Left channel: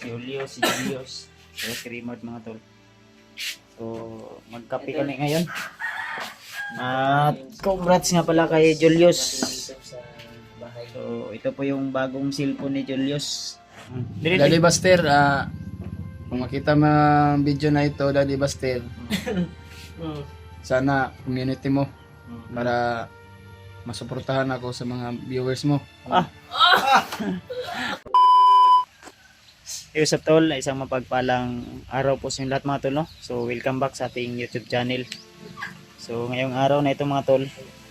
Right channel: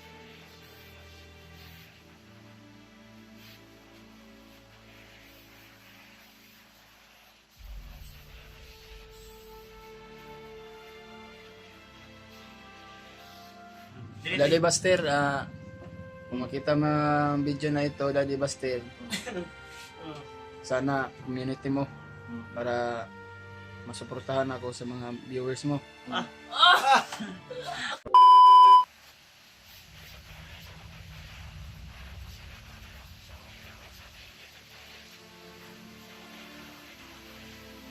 si Julio, si Julius, si Rimard mga tol. So, magkape kami ngayon. At congrats nga pala kay Julius. So, ito po yung bagong cellphone ni Julius. Daddy Buster, kung makita mo ang video na ito, Daddy Buster, sana community mo para masuportahan ako sa mga viewers mo. Hey, what's up tol? Isang mapagpalang araw po sa inyo lahat mga tol, no? So welcome back sa ating YouTube channel. So ngayong araw na ito mga tol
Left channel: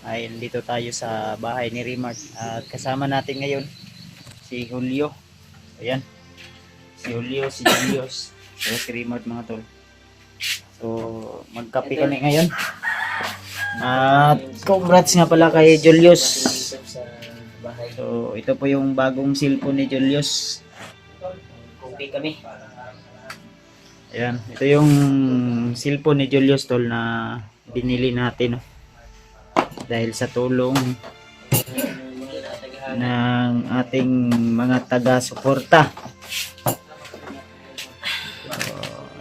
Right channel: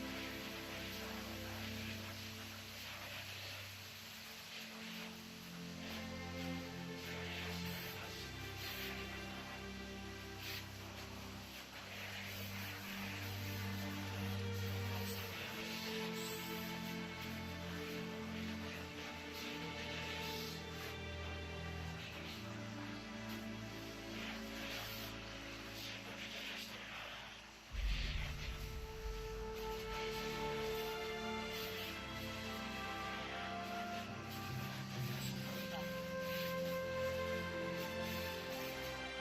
ay dito tayo sa bahay ni Rimard. At kasama natin ngayon si Julio. Ayan. Si Julio, si Julius, si Rimard mga tol. So magkape kami ngayon. At congrats nga pala kay Julius. So ito po yung bagong cellphone ni Julius. Okay kami. Ayan, ito yung cellphone ni Julius tol na binili natin, no? Dahil sa tulong ng ating mga taga-suporta.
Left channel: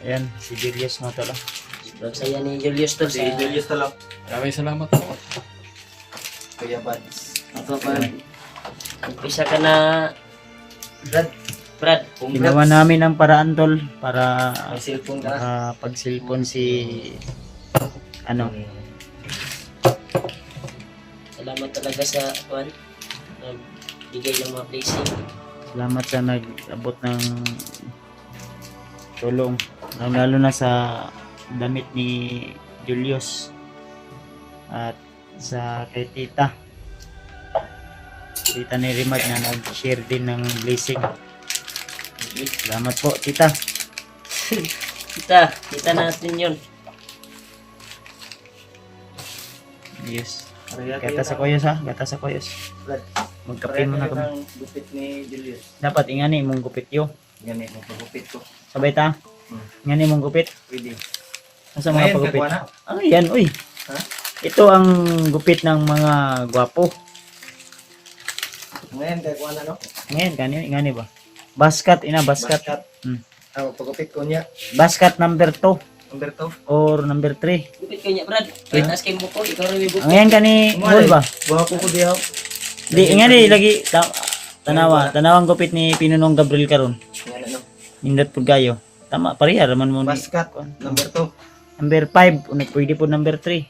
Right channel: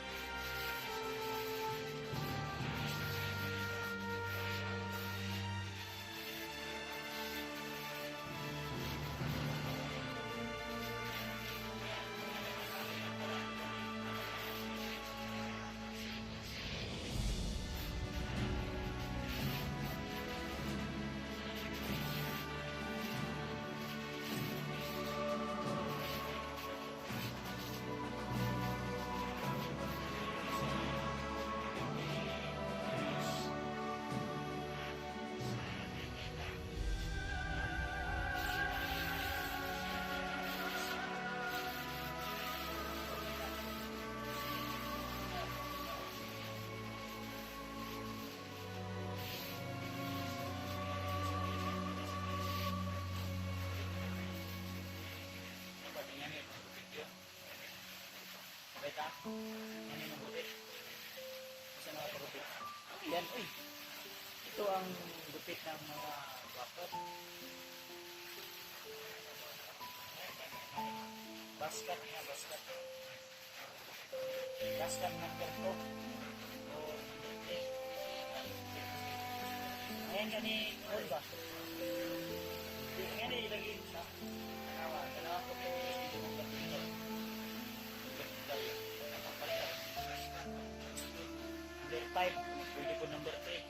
Ayan, si Julius mo tol. Saya ni Julius to Si Julius tol. Maraming salamat po. Kuya Bads. Ako pa. Umpisa ka na Brad. Ginawa namin ang paraan tol para May cellphone ka na. pag-cellphone si ano. Salamat talaga sa Juan. Nagbigay ng mga blessing. Salamat sa nag-abot ng tulong. Lalo na sa damit ni Julius at sa kay tita ni Rimard na nag-share din ng blessing. Salamat po tita. Kita natin yun. Yes. Gata sa koyos ha, gata sa koyos. Magkape muna kami. Gupit ni Julius. Dapat ingani mong gupit yo. Ganit mo pagupit ko. Sabay ta. Ingani mong gupit. Pwede. Asa mga pagupit? kagwana. Ah, yan uy. Ha? Ito ang gupit ng mga gwapo. Ngayon kagwa na no? Ngayon, ingani ba? Basket, basket. Pagupit ko niya. Basket number 2 Number 2. or number 3. Gupit ko niya Brad. Taas kay mo ko. Ikaw rin may bukod. Ngayon kani hol ba? Buha ko diyaw. Di ingani lagi tanawang gupit ni Pinunong Gabriel karon. Yan ano. Nindot pud kayo. Tama pareha raman mo. Basket. Number 2. Number 5, unig pwede po number 3.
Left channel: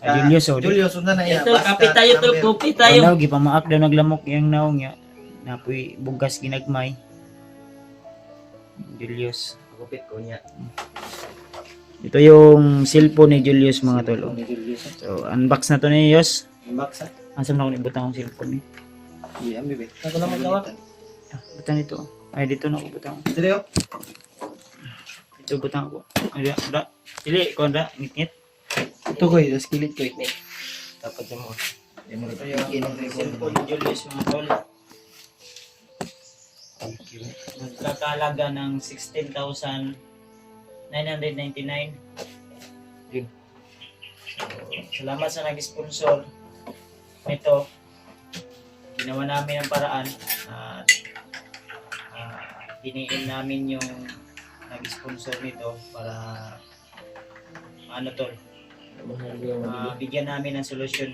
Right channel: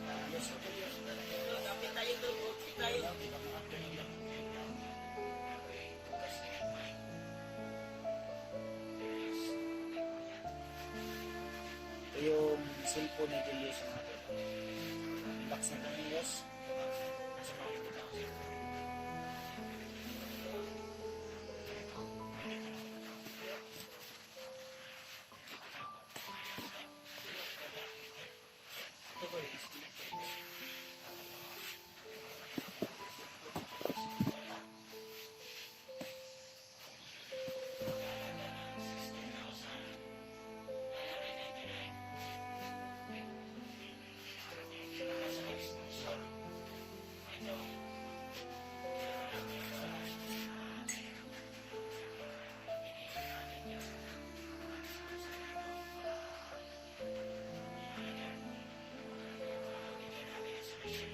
Julius oh. Julius, unta na iya. Ito, kapit tayo to. Gupit tayo. Naw gipamaak daw naglamok yang naong nya. Napoy bugas ginagmay. Julius. Gupit ko niya. Ito yung cellphone ni Julius mga tol. So unbox na to ni Yos. Baksa. Asa na ko ibutang ang cellphone ni. Iya, bibi. Ako lang magawa. Butang ito. Ay dito na ko butang. Dili oh. Ito butang ko. Ay da. Dili ko da ngit. Ito ko, das kilit ko. Dapat mo. Ito yung cellphone ni Julius mga tol. Nagkakalaga ng 16,999. Yun. Salamat sa nag-sponsor nito. Ginawa namin ang paraan at hiniin namin yung nag-sponsor nito para ano tol, bigyan namin ng solusyon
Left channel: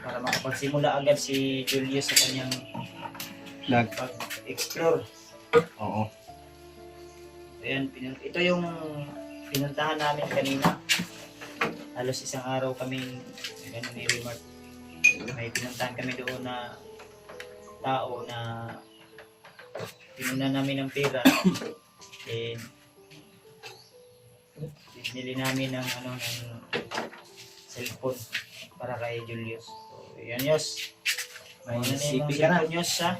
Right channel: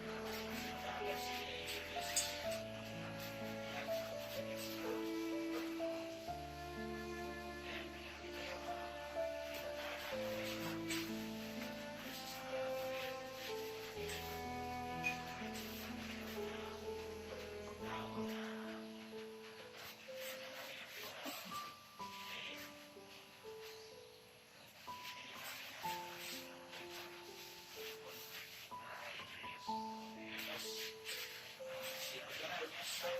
para makapagsimula agad si Julius sa kanyang pag-explore. Oo. Ayan, ito yung pinuntahan namin kanina. Halos isang araw kami ganun ni Rimard. May pinuntahan kami doon na tao na pinuna namin ng pera. And binili namin ng cellphone para kay Julius. So, yan Yos. May CP ng ka na. cellphone Yos ha.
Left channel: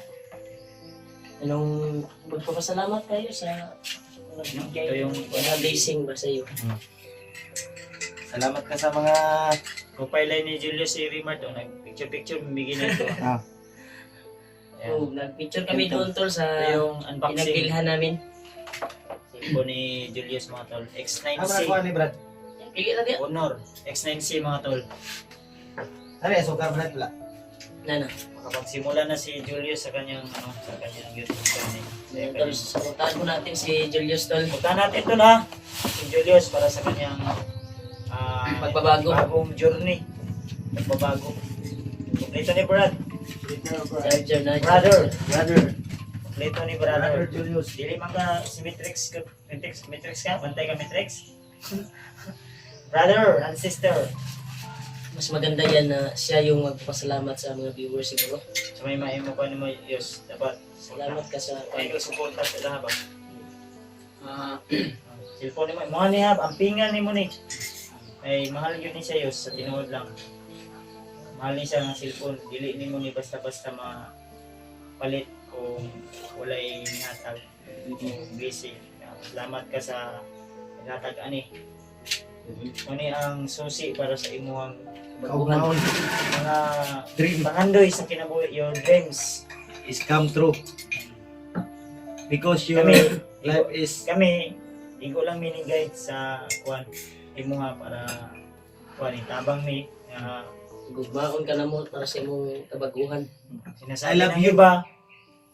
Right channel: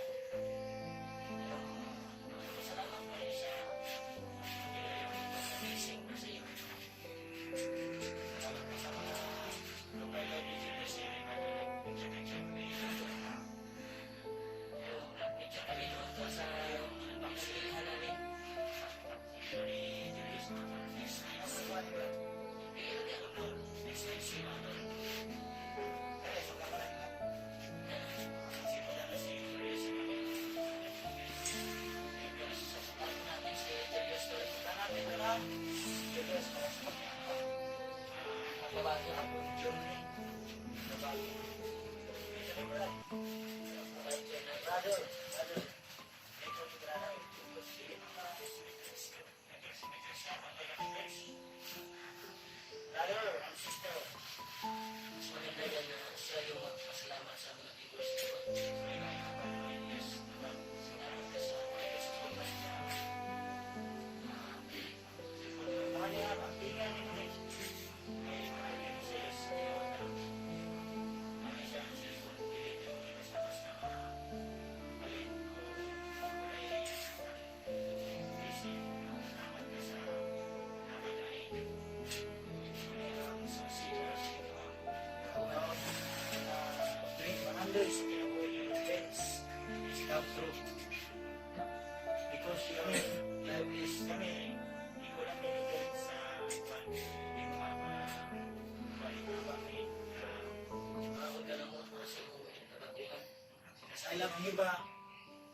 Anong magpapasalamat kayo sa Ito yung mga blessing ba sa iyo? Salamat ka sa mga profile line ni Julius si Rimard. Nag-picture, bumigay na ito. Ah. Ayan. Oh, nag-picture kami doon tol sa Ito yung unboxing pinagbilhan namin. cellphone ni Julius mga tol. X9C kuha ni Brad. Pili lang yan. Honor. X9C mga tol. Ano sugar Brad pala. Nana. Makapagsimula na si Julius sa kanyang YouTube channel. Tol, supportahan po natin si Julius Tol. Punta natin ito na si Julius para sa kanyang Pagbabago. bagong journey. Pagbabago. Kompleto ni Brad. Charger na. Brother. Brother. Kompleto ni Brother brother. Julius. Dili man ka si Matrix ka? Bantay ka Matrix? Brother and sister. Mas maganda yan na siya yung magpasalamat sa mga viewers siguro. So may maimo ka naman Diyos. Dapat. Salamat ka sa Ay ko suporta sila ba? ah, Cellphone mo. Mga niya, ang pinga ni mo ni. Ay mahal yun ni siya Diyos sa tinuod lang. Mahal ni siya ng cellphone. Dili ni mo ni basta-basta mapalit kung walay hatag. Busy. Salamat ka sa hatag ani. Ani ang susi para sa imuhang Kaumaon. mga Dream pangandoy sa kinabuhi, your dreams. is come true. Because your Kami, life is kami, igo lang minigay sa kuan imuha para kuan itabang mi na gugmaon ka na mo para sa imong kabaguhan. sinasabi I love ng you. iba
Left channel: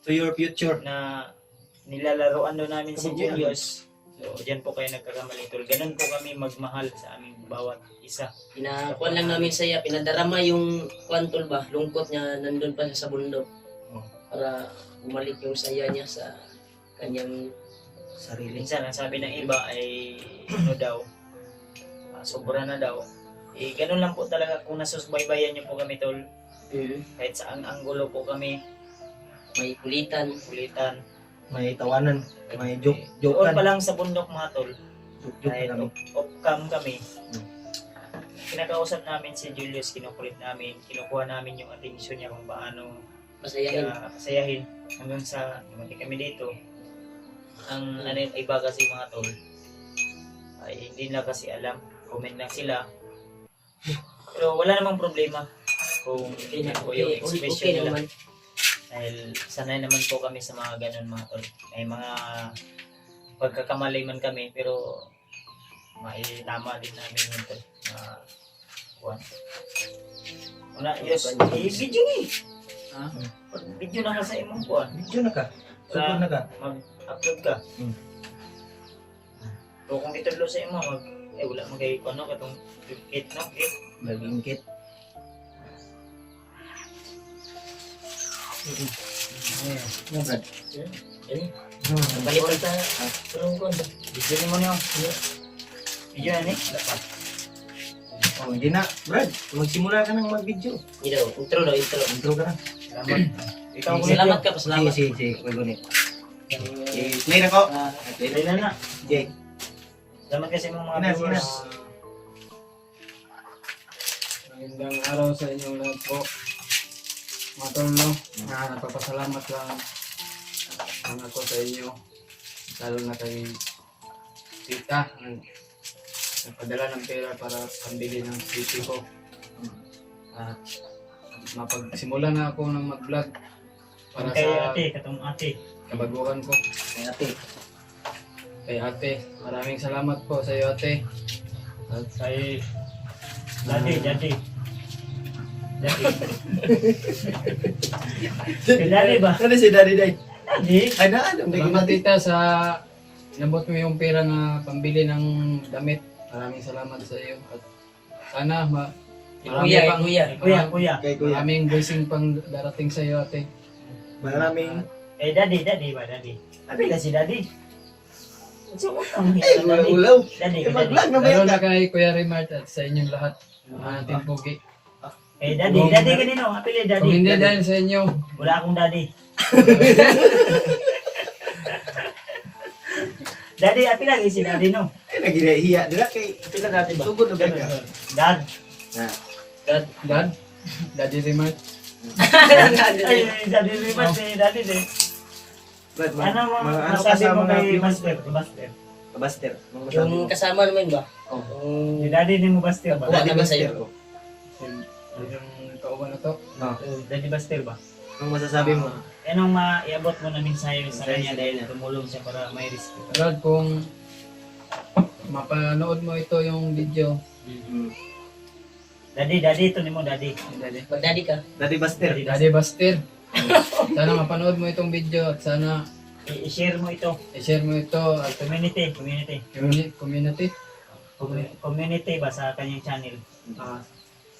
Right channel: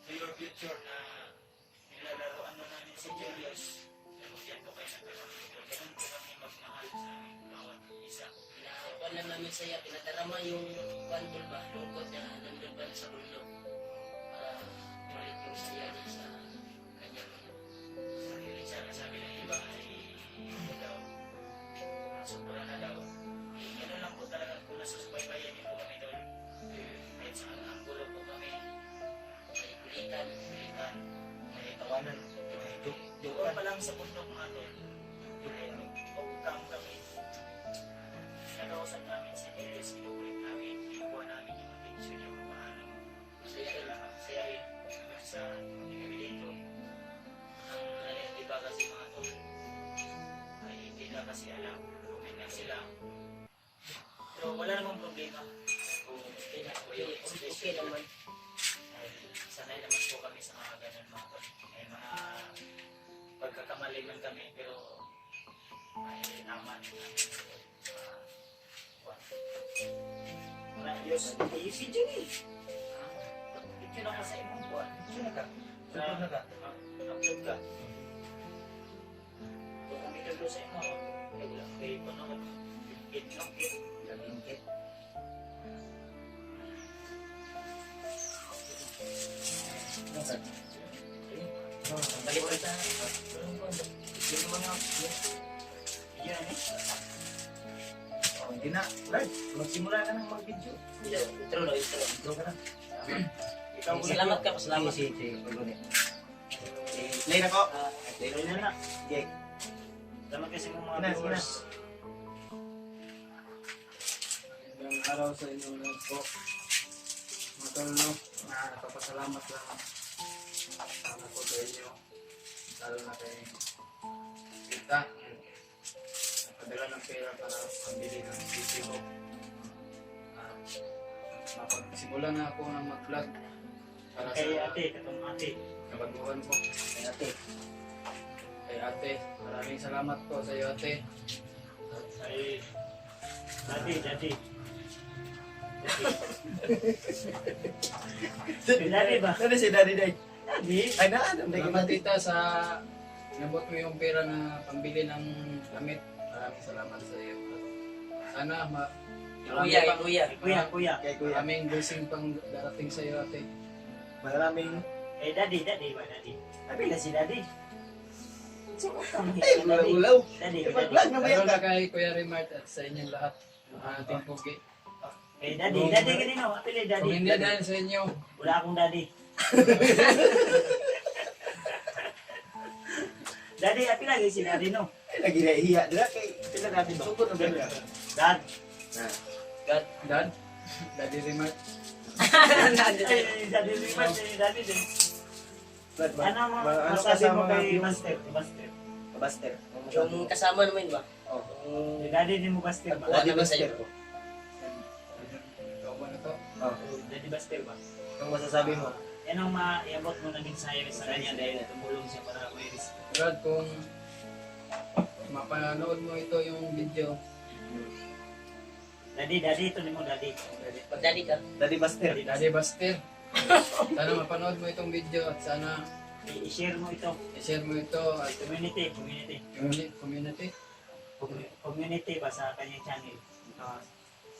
to your future. na nilalaroan daw namin si Julius. So, diyan po kayo nagkakamali tol. Ganun po kami magmahal sa aming bawat isa. Pinakuan lang namin sa iya, pinadarama yung kwantol ba, lungkot niya nandun pa siya sa bundok. Para bumalik yung saya niya sa kanyang Sarili. Minsan, ang sabi ng iba ay ano daw, sobra na daw. Eh, ganun lang po talaga kung nasusubaybayan niyo po kami tol. Kahit sa ang anggulo po kami, may kulitan. kulitan. May tawanan. May joke. Doon Joke pa lang sa bundok mga tol, Joke kahit kami. off-cam kami, kinakausap namin si Julius, kinukulit namin, kinukuha namin yung attention niya kung paano Masayahin. sayahin hanggang sa mati kami dito. Ang ano yung iba kasi mga tol, ay hindi na kasi alam, comment lang sila. Pero wala namang problema kung Okay na, po yung okay expression nila. naman. Dahil sanay naman po kami sa mga ganun mga tol. May mga pagkakamali man kami pero maitama din namin yun tol. Kuwan. Wala, yes, video ni. Ha? Video na ka sa imong kuwan. Video na ka. Sugod na ka. Mag-upload ka. Hmm. So kung itulo sa imo, wala mo kayo ano, katong kit no? Kit. Nag-ingkit. Ayan. Brad. Yan. Oh, Balipan sa tulong ko. Video ni mo niyo. Video na ni? Oh, hindi na. Brad, magsimula ka nang mag-video. Ito, intro daw, intro. Intro ka na. Salamat. Ikaw ulit. Salamat ka, Sige, pasalamat. sige. Wag ulit. Play na ko. Play Dahil na na. Sige. Salamat kasi mga Sige na, sige na. viewers. Magandang araw sa inyong lahat po. Mga tol, no? Nagpapasalamat lang ako sa inyo. Lalo na kay Tita. Nagpadala ng pera para pambili ng PC ko. At mapagsimula na ako ng mag-vlog para Kay sa ate, katong ate. kabaguhan ko. Kaya ate. Kay ate, maraming salamat po sa iyo ate. At Kay daddy, daddy. Daddy. Kay daddy ba? Ano si Daddy Day? Daddy? Ay, ano? salamat tita sa inabot mo yung pera na pambili ng damit. Maraming salamat sa iyo. At sana Kuya, kuya. Kuya, kuya. Kay Kuya. maraming blessing pang darating sa iyo ate. Maraming. Kay daddy, daddy ba, daddy? Abi na si daddy. So, utang Ay, hiya daddy. ulaw. Daddy, Eh, kay daddy. mag-vlog na ba Lalo yan? na kay Kuya Rimart at sa inyong lahat. Ating pugi. Kay daddy, daddy kanino? Apili Kung daddy. hindi dahil sa inyo, Wala akong daddy. Daddy, api lagi si daddy no. Ay, naghihiya. Dila kay pila natin ba? Sugod na ba ka? Dad. Na. God. Dad, Daddy Rimart. Ay, daddy lipat si daddy din. Brad, Ano mo ano masabi mo kasama kay nga Master? Master. Baster. Yung kasama naman ba? Oh. Si daddy din mo Master ba? Daddy Daddy ba sa'yo? Baster. Yung kauban na to. Oh. Daddy Master ba? Anong masasabi mo? Yan ang maiabot mo na mensahe sa Mensahe kanya sa dahil kanya. tumulong siya para may risk. Brad, kung mapanood mo ito yung video, Daddy, daddy, ito ni mo daddy. Mag-daddy ka. Daddy Baster. Daddy Buster, sana mapanood mo itong video at sana I-share mo ito. I-share mo ito at Community. community. Community ba sa kanyang channel?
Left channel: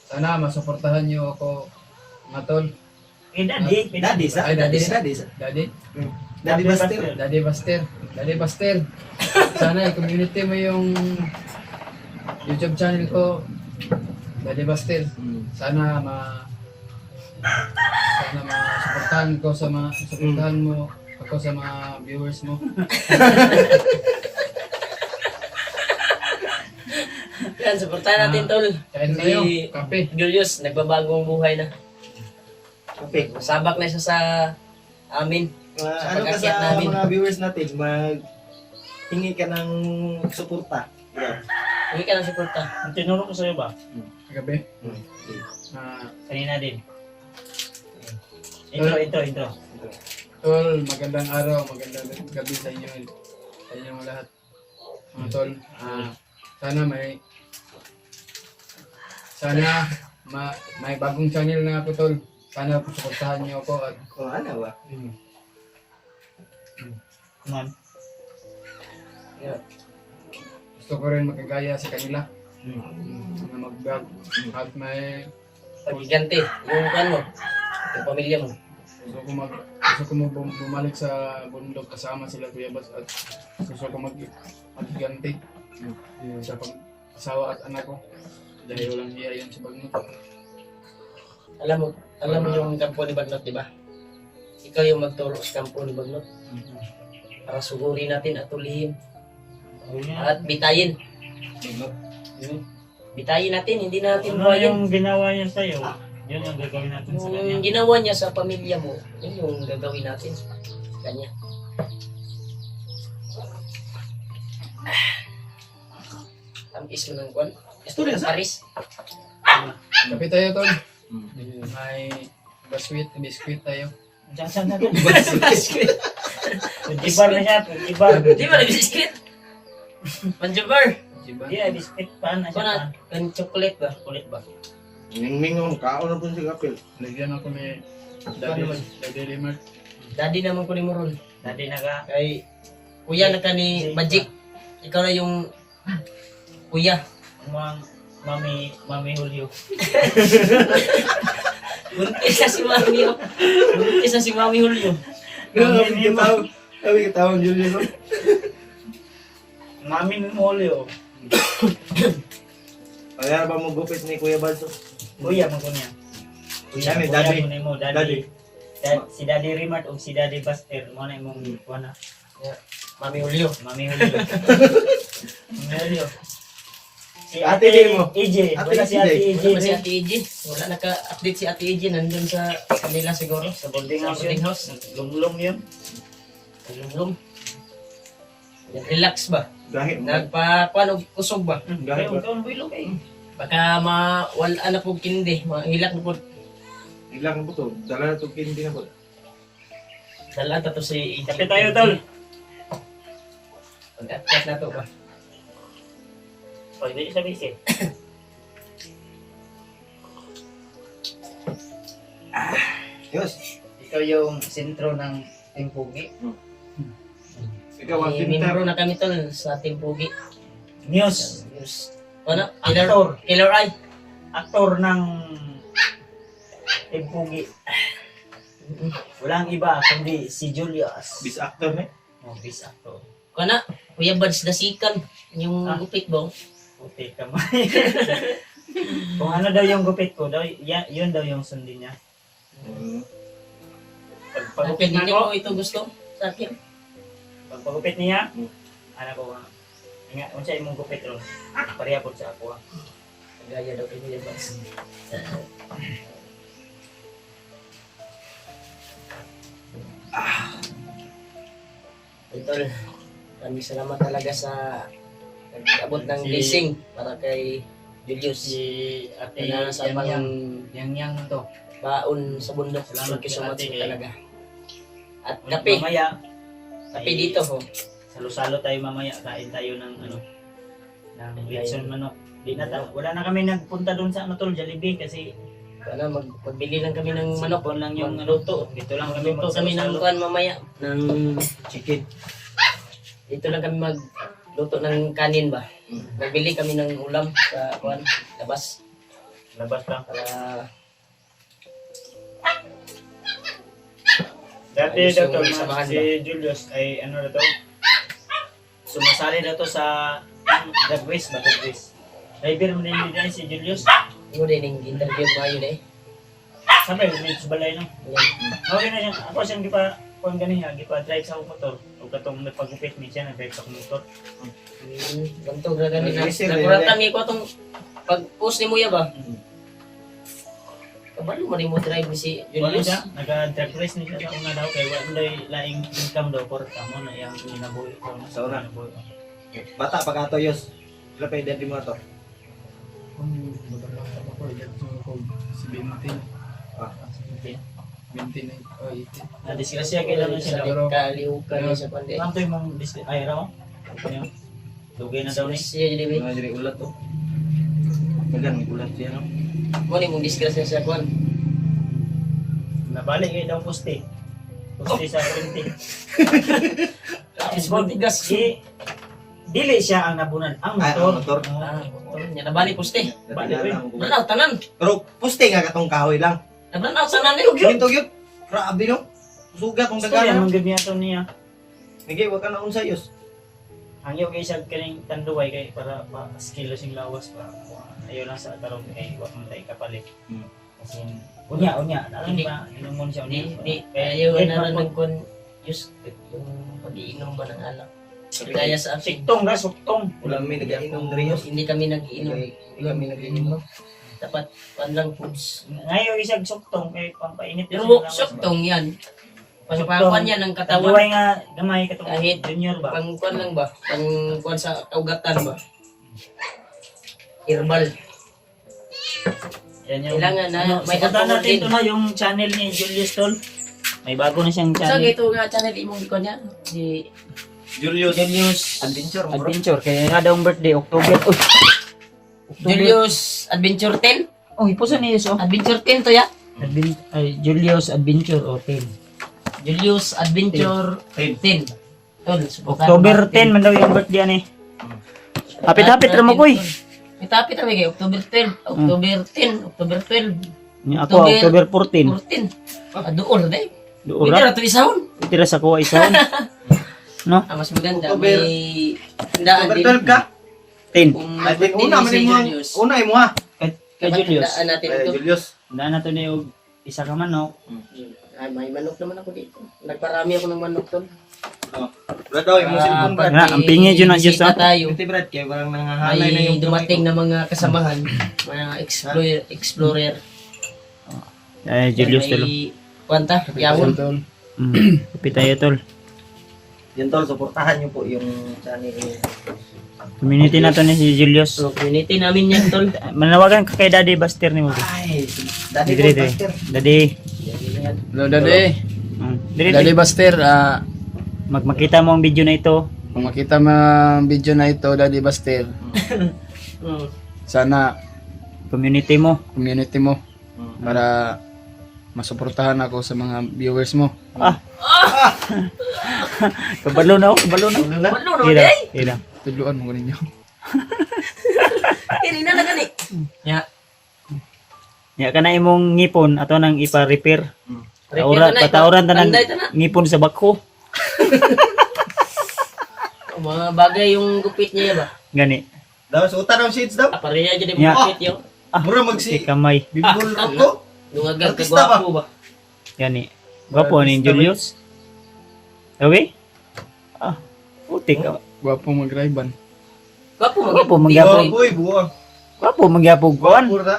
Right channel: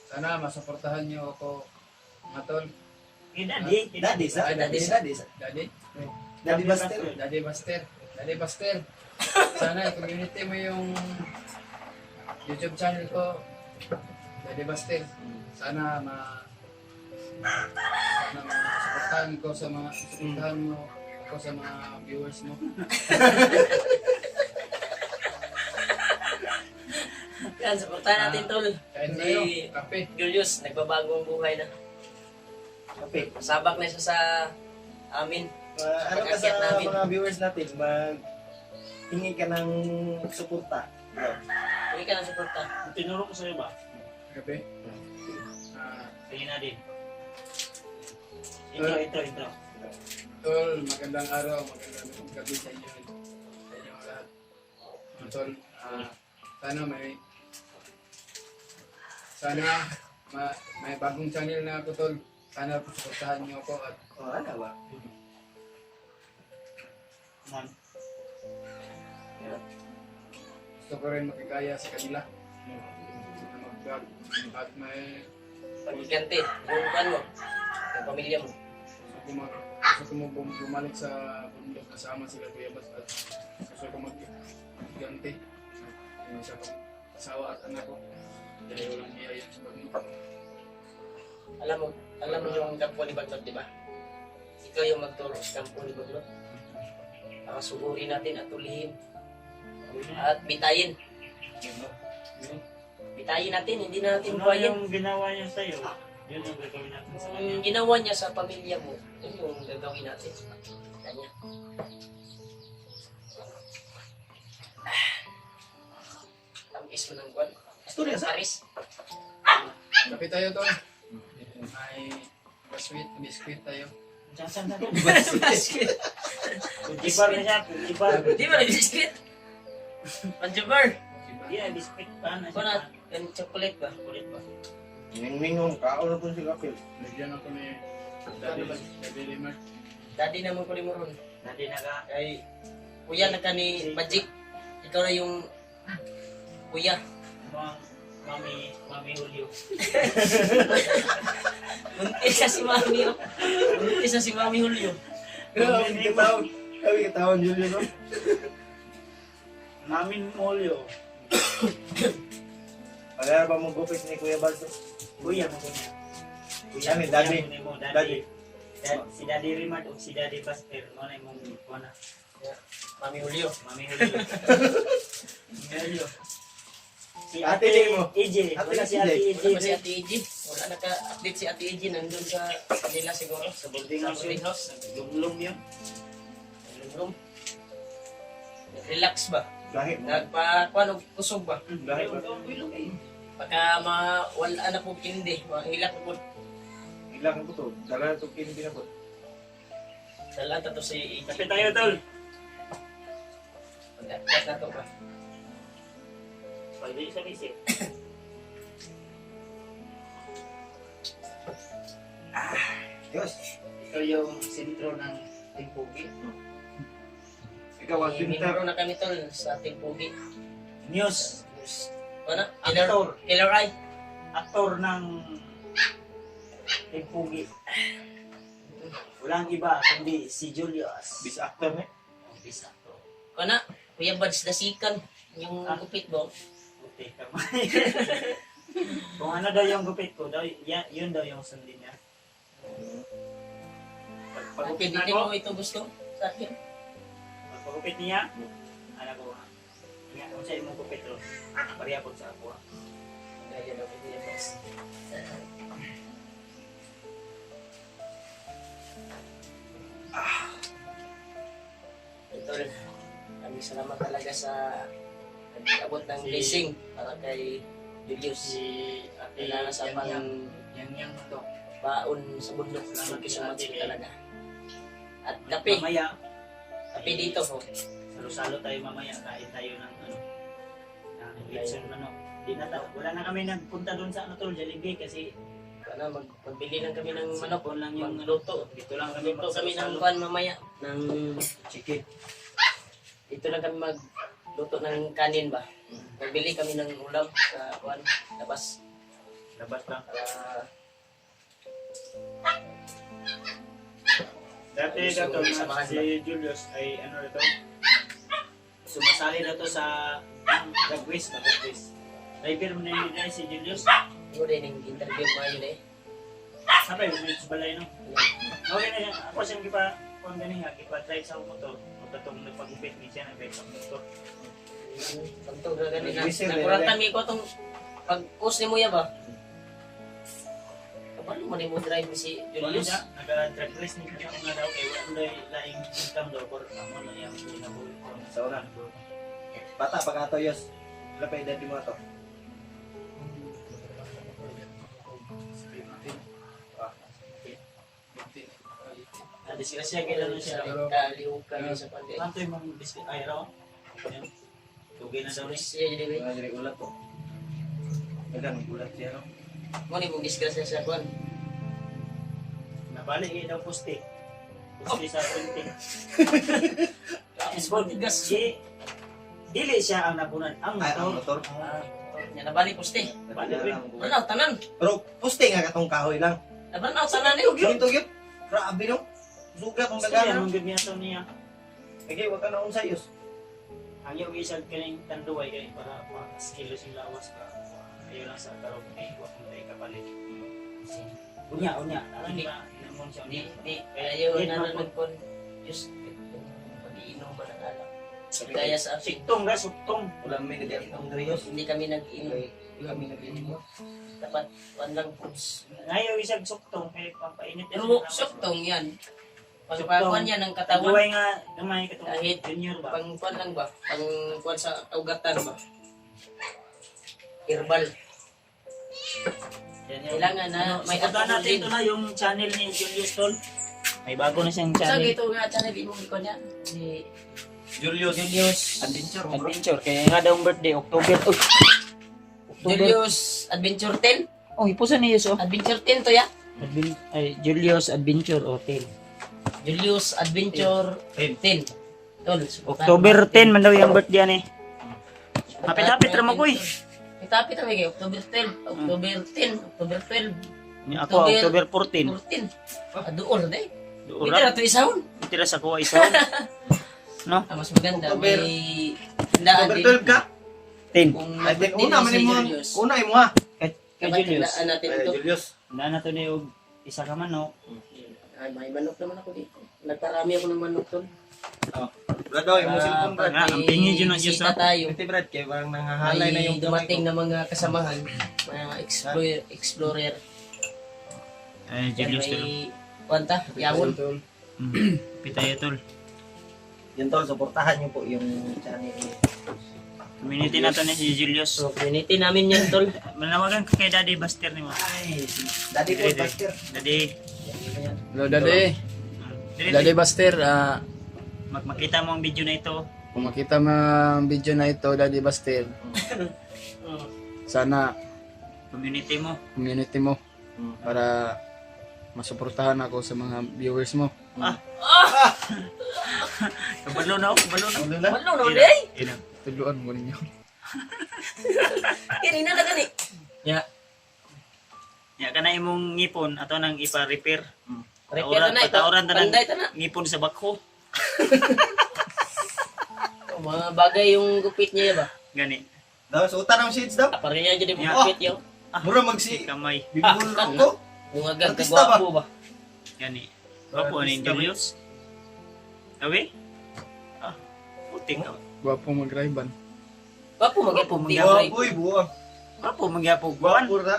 Sana masuportahan niyo ako, mga tol. Daddy. Daddy, sa? Ay, daddy. Daddy, sa? Daddy. Daddy Buster. Daddy Buster. Daddy Buster. Sana i-community mo yung YouTube channel ko. Daddy Buster. Sana ma-supportahan ko sa mga supportahan mo ako sa mga viewers mo. Yan, supportahan natin tol. Kain tayo, Si kape. Julius, nagbabagong buhay na. Kape. Sabak na siya sa amin. Ano ka pag-akyat sa namin. mga viewers natin, hingi ka ng suporta. Hindi ka ng suporta. Ang tinuro ko sa'yo ba? Kape. Kanina din. Intro. Tol, magandang araw, magandang gabi sa inyo. Sa inyong lahat. Mga tol, may bagong channel na ako tol. Sana suportahan niyo ako at Ano ba? Come on. gusto ko rin makagaya sa kanila. Na mag-vlog. At may Pagigante, yung kan mo, yung pamilya mo. gusto ko bumalik sa bundok kasama sila Kuya Bas at gusto ko magganti sa pag-asawa at anak ko. Dahil walang hiya yan sa bagnot. Alam mo yung kampo ni Bagnot, di ba? Ikaw yung magturo sa kampo ni Bagnot. Para sugurin natin at tulihin. At bitayin. Bitayin natin, hindi natin Ano buhayin. yung ginawa niya sa'yo? Yun yung gagawin natin sa kanya. Kung ginawa niya sa pamilya mo, yun yung gagawin natin. Kanya. Tamis mo ng kwan. Gusto rin sa? Aris. Kape tayo tol. May biskuit tayo. Saan na din? Ibar na siya. Ibar. Di ba nag-biscuit? Panjubar. Diba? Di ay biscuit pa na Kung siya. na, kan chocolate ba? Kulit ba? Mingmingong, kaon na po si Kapil. Lagyan ako ni naman? Daddy Rimmer. Daddy naman ko ni Moron. Dati naga. Kay kuya na ka ni Magic. Ikaw na yung kuya. Mga Mami Julio. Buntis na si Mami. Oh. Buntis na si Mami Julio. Sabi ka tawang Julio, no? Mami Julio. Kaya ba mo gupit ni Kuya Balso? Kuya mo ko niya. Daddy, daddy. Mo, Daddy. daddy. Si Daddy Rimart o si Daddy Buster. Mo na imong kuha na. Mami Julio. Mami Julio. Mami Julio. Si Ate Lee mo. AJ. Ate Wala si AJ. Ate AJ. Wala ba si Ate Eji? Wala naka-update si Ate Eji. Nandun sa kanila siguro. Sa boarding house boarding yun. house. Lumlum yun. Lumlum. Relax ba? Gahit mo. Nagpa-kuan o kusog ba? Gahit Kaya ba? ang bilog eh. Baka mawala na po kindi. Mahilak na po. Ilang na po to. Dala na to kindi na po. Dala ta to si Eji. Kapit tayo, tol. Pag-update na to ba? Pwede sa bisi. Yes. Ikaw yung sentro ng Timpugi. Ikaw ang Membro tinter. na kami tol sa Team Pugi. News. News. Ano? Actor. Killer Eye. Aktor ng Timpugi. Walang iba kundi si Julius. Bis actor na. Oh, bis actor. Kana, Kuya Buds Dasikan. Yung gupit ba? Puti ka man. Kung ano daw yung gupit ko, daw, yun daw yung sundin niya. Pagpagupit Hindi na ko, mo ito gusto sa akin. pagpagupit niya, ano ko, nga, kung siya imong gupit ron, pareha po sa ako. Gaya daw kay Kuya Buds. Idol, kami salamat talaga sa nag-abot ng blessing para kay Julius. Si Ate Kaya sa Yang pang Yang to. baon sa bundok. Salamat Thank you kay so much Ate. talaga. At kape. Mamaya, Kape dito ho. salo-salo tayo mamaya, kain tayo ng ano, ng lechon manok. Di na wala na kami nagpunta doon sa ano tol, Jollibee kasi magbili lang kami ng manok. Manok lang yung Magluto. Dito lang kami Magluto kami ng magsalo-salo. kuan mamaya. Ng, Chicken. dito lang kami magluto ng kanin ba. Magbili kami ng ulam sa kuan, labas. Labas lang. Para Dati Ayos daw yung tol, samahan si Julius ay ano na to? Sumasali na to sa drag race ba? Drag race. Driver mo din si Julius. mo din yung interview ba yun eh. Sabay, may balay no. Ayan. Okay na yan. Ako siyang gipa, kung ganin nga, gipa drive sa akong motor. O katong nagpagupit mi siya, nag-drive sa akong motor. Ganito gagani na. Nag-reserve, Nakuratang ko itong pag-post ni Muya ba? Kabalo mo rin mo drive ni si Wala Julius. siya, nag-drag race ni siya nga daw, kaya wala laing income daw, for tamo na yung inabuhi ko. Sa una. Bata pag ato yos. Wala pa edad mo ato. Na-disgrasya kailangan siya daw. Kalihukan niya sa pandi. Tanto yung mong ay raw. Ano? Dugay na daw ni. Siya jadi Mga diri ulat to. Magan ulat siya no. mo ni mong disgrasya sa kuan. Nabalik kayo daw poste. Poste sa printing. Tapos mo tigas. Dili siya ang nabunan. Ang Ay, motor. ang motor. Nya nabalik puste. Nanaw tanan. Pero puste nga katong kahoy lang. Nabanaw tanan ni Ugyo. Ginto gyud. Grabe no. Sugat ang Gusto yan dagana. mong ganyan ito niya. Migay wa ka na unsa yos. Ang iyo kay siya kaning tanduay kay para ma-skill sing lawas pa. Ayaw lang sa karon kay wa man tay kapalit. Kasi unya. Alam Hindi. ba? Inumon siya unya. Di ayaw na lang kon just yung pag-iinom ba ng alak. Gaya sa akin. Siktong ga, suktong. Wala mi nagainom diri yos. Hindi kami nag-iinom. Wala mi nagainom no. Dapat panlang foods. Ngayon isang suktong kay pampainit. Pero suktong yan. Pangpakuan yan ng katawan. Tanduay nga gamay katong Kahit junior ba? Pangkuan lang ba? Pangkuan sa kaugatan ba? Herbal. Yan yung Kailangan na may subukan natin alcohol ito na yung channel ni Julius Tol. May bago na siyang So, channel. ito nga channel imong ikon yan. Si Julius Julius Adventure bro. Adventure kaya nga daw ang birthday October. Julius Adventure 10. Oh, ipusan niyo so. Adventure 10 to ya. Julius Adventure o 10. Julius Adventure 10. Tol, subukan October natin. 10 man daw yung birthday ani. Hapit-hapit ra mo koy. Hapit-hapit kami kay October 10, October 10, October 12, Ni ako October 14. 14. Aduol na eh. Pwede Duura. na ito isahon. Tira sa kuha isa. No? Mas maganda. October- May tandaan Over din. 12 ka. 10. Kung Ay din birthday una ni man si mo. Julius. Una mo ha. Kay Julius. Tandaan natin Ay ito. Julius. Daan na to ni og isa ka manok. Ay, may manok naman ako dito. Nagparami ako ng manok tol. Oh. Brad daw yung cellphone brad. Brad. ang pingi dyan na, Diyos, bisita tayo. Ito brad kay parang nangahalay na May yung dumating na mga kasamahan, mga explorer. Ay Julius Tol. May kwanta, yawon. Kapit tayo Tol. Yan tol, suportahan niyo po yung channel niyo. Community na to ni si Julius. So, community namin yan tol. Manawagan ka kay Daddy Buster ni mo. Ay, dati po Dire. master. Daddy. Hello, Daddy. Dire. Daddy Buster, Magmakita mo ang video na ito. kung makita mo ang video na ito, Daddy Buster, Mm. sana Community mo. community mo para masuportahan ako sa mga viewers mo. Kabalo na ako. Kabalo na. Ano na? Walo naman Ila. eh. Ila. Tudluan mo ko ninyo. Kini na lang gani. Ya. Ya ka na imong ngipon ato nang ipa-repair. Repair na, Patauran ta ng panday ta na. ngipon sa bako. Mga bagay yung gupit niya ba? Gani. Daw suta daw shades daw. Pareha jadi Ya. gupit yo. Mura Si magsi. kamay. Bibul ko. Dungagan ka Artista ba? gwapo ba? Gani. Gwapo ni Julius. Okay? Putik ka. Gwapo mag-riban. Gwapo Gwapo mag magyapon. Boy, buwa. Gwapo magyapon kuan. Pura.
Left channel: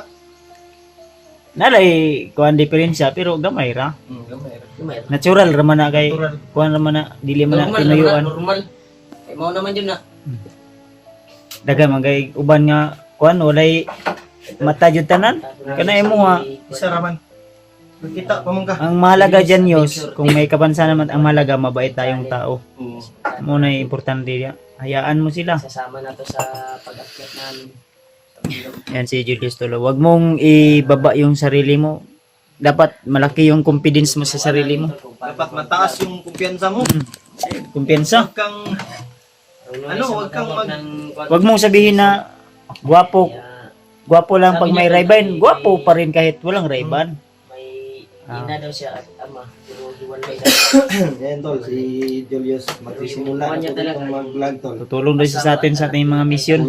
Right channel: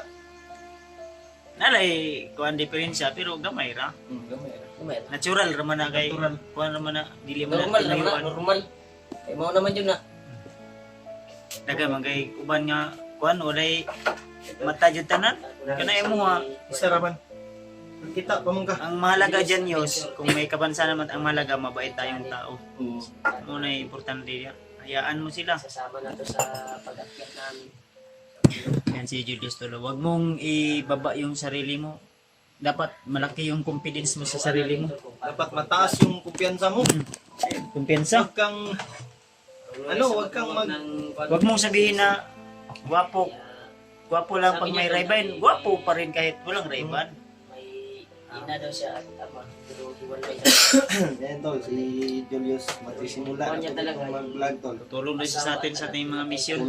Nalay kuan diferensya pero gamay ra. Gamay. Natural ra man na kay Natural. kuan ra man na dili man na Normal naman, tinuyuan. normal. Eh mao naman yun na. Dagan man kay uban nga kuan walay mata jud tanan. Kana imo nga Isa raman. Kita pa man ka. ang mahalaga dyan Yos, kung may kapansanan naman ang mahalaga, mabait tayong tao. Muna yung importante yan. Hayaan mo sila. Sasama na to sa pag-akyat namin. Yan si Julius Tolo. Huwag mong ibaba yung sarili mo. Dapat malaki yung confidence mo sa sarili mo. Dapat mataas yung kumpiyansa mo. Kumpiyansa. Huwag kang huwag kang Huwag mong sabihin na gwapo. Gwapo lang pag may Ray-Ban. Gwapo pa rin kahit walang Ray-Ban. May ina daw siya at ama. Pero hiwalay daw. Yan tol, si Julius magsisimula Yung na talaga, mag-vlog tol. Tutulong rin siya sa atin sa ating mga mission.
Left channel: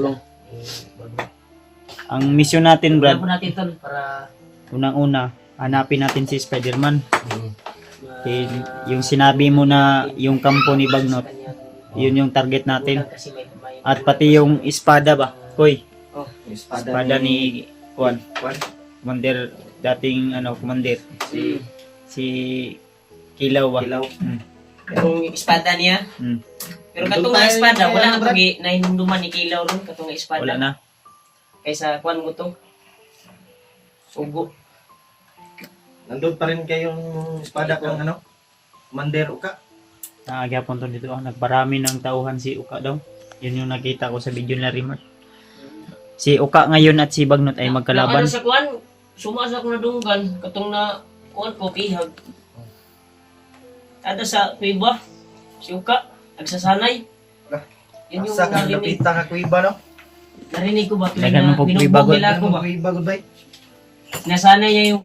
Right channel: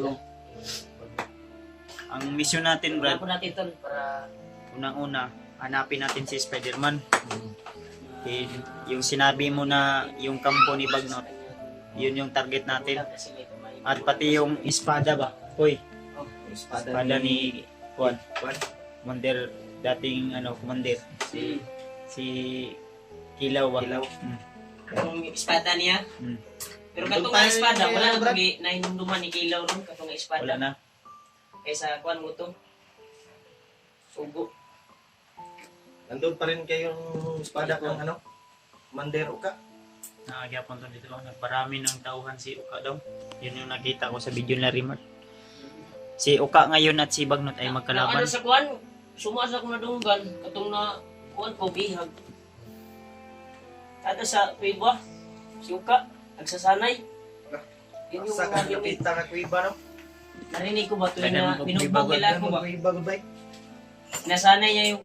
Ang mission natin, Brad. Brad, natin tol para unang-una, hanapin natin si Spider-Man. Yung sinabi mo na yung kampo ni Bagnot, yun yung target natin. At pati yung espada ba? Koy, espada ni Juan. Commander, dating commander. Si Kilaw ba? yung espada niya. Pero katong nga espada, wala na pag nahinumduman ni Kilaw ron katong nga espada. Wala na. Kaysa kuan mo to. Sugo. Nandun pa rin kayong espada kang Commander Uka. Naagapon to dito. Nagparami ng tauhan si Uka daw. Yun yung nakita ko sa video na remote. Si Uka ngayon at si Bagnot ay magkalaban. Ano sa kuan, sumasa ko na dunggan katong na kuan ko pihag. Ada sa kuiba, si Uka nagsasanay. Yun yung Asa kang narinig. napita ka kuiba no? Narinig ko ba tuwing Dagan mo na po binugbog kuiba, nila ako ba? Kuiba goodbye. Nasanay niya yung